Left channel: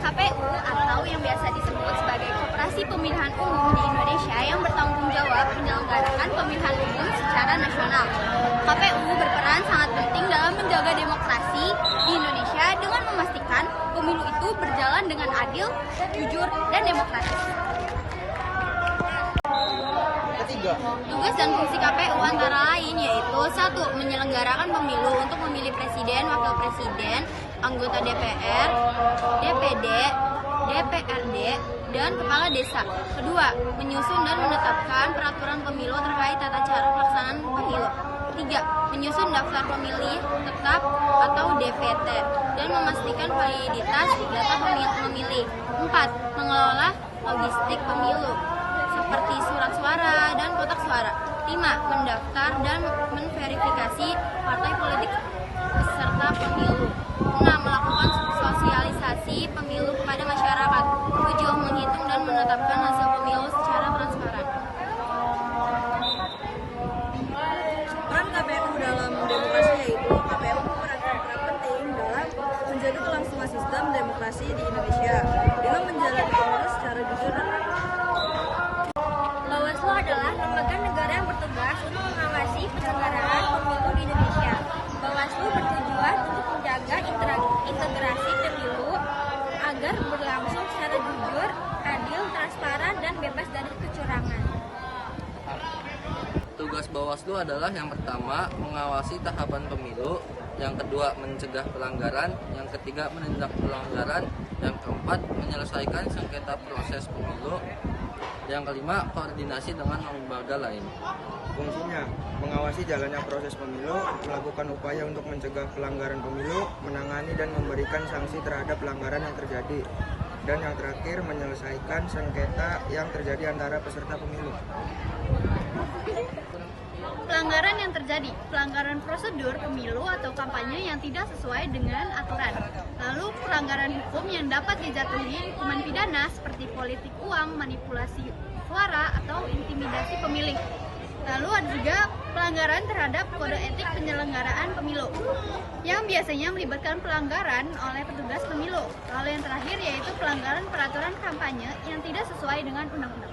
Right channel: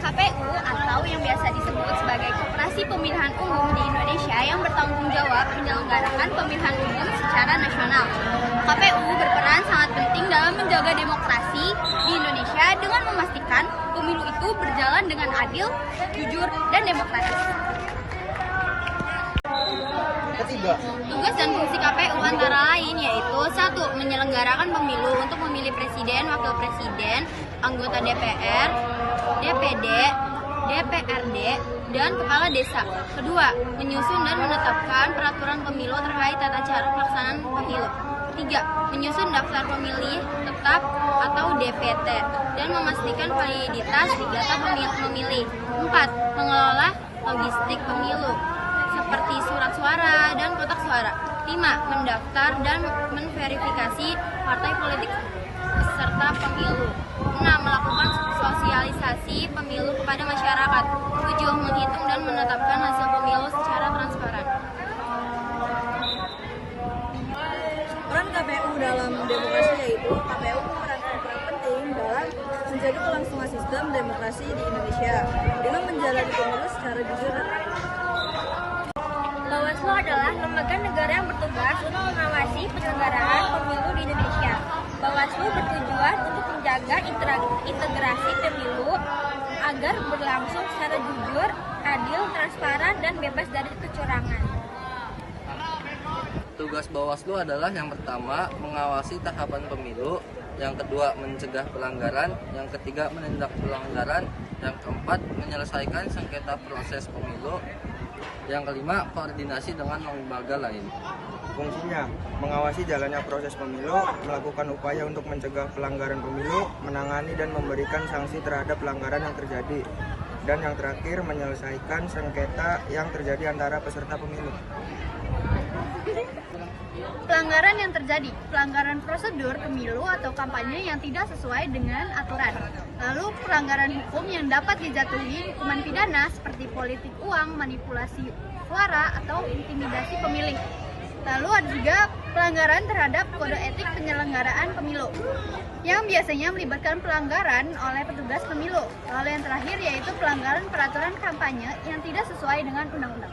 KPU atau yang biasa disebut sebagai Koperasi Pemilihan Umum di Indonesia yang bertanggung jawab menyelenggarakan pemilihan umum secara nasional. KPU berperan sangat penting dalam menjaga demokrasi di Indonesia dengan memastikan pemilu itu berjalan dengan adil, jujur, dan demokratis. Tugas dan fungsi KPU antara lain yaitu 1. Menyelenggarakan pemilu untuk memilih presiden, wakil presiden, anggota DPR, DPD, DPRD, dan kepala desa. 2. Menyusun dan menetapkan peraturan pemilu terkait tata cara pelaksanaan pemilu. 3. Menyusun daftar pemilih tetap atau DPT dan memastikan validitas data pemilih. 4. Mengelola logistik pemilu seperti surat suara dan kotak suara. 5. Mendaftar dan menverifikasi partai politik peserta pemilu. 6. Melakukan sosialisasi pemilu kepada masyarakat. 7. Menghitung dan menetapkan hasil pemilu secara transparan. Peran KPU dalam demokrasi yaitu KPU memerankan peran penting dalam menjaga kelangsungan sistem demokrasi di Indonesia dengan menjalani pemilu secara jujur dan adil. Bawaslu adalah lembaga negara yang bertugas untuk mengawasi penyelenggaraan pemilu di Indonesia. Bawaslu bertujuan untuk menjaga integrasi pemilu agar berlangsung secara jujur, adil, transparan, dan bebas dari kecurangan. Tugas Bawaslu adalah yang pertama, mengawasi tahapan pemilu, yang kedua, mencegah pelanggaran, yang ketiga, menindak pelanggaran, yang keempat, menyelesaikan sengketa proses pemilu, yang kelima, koordinasi dengan lembaga lain. Fungsinya, mengawasi jalannya proses pemilu, melakukan upaya untuk mencegah pelanggaran pemilu, menangani dan memberikan sanksi terhadap pelanggaran yang terjadi, dan yang terakhir, menyelesaikan sengketa yang terjadi antara peserta pemilu. Pelanggaran yang terjadi, pelanggaran prosedur pemilu atau kampanye yang tidak sesuai dengan aturan. Lalu pelanggaran hukum yang dapat dijatuhi hukuman pidana seperti politik uang, manipulasi suara, atau intimidasi pemilih. Lalu ada juga pelanggaran terhadap kode etik penyelenggaraan pemilu yang biasanya melibatkan pelanggaran oleh petugas pemilu. Lalu yang terakhir yaitu pelanggaran peraturan kampanye yang tidak sesuai dengan undang-undang.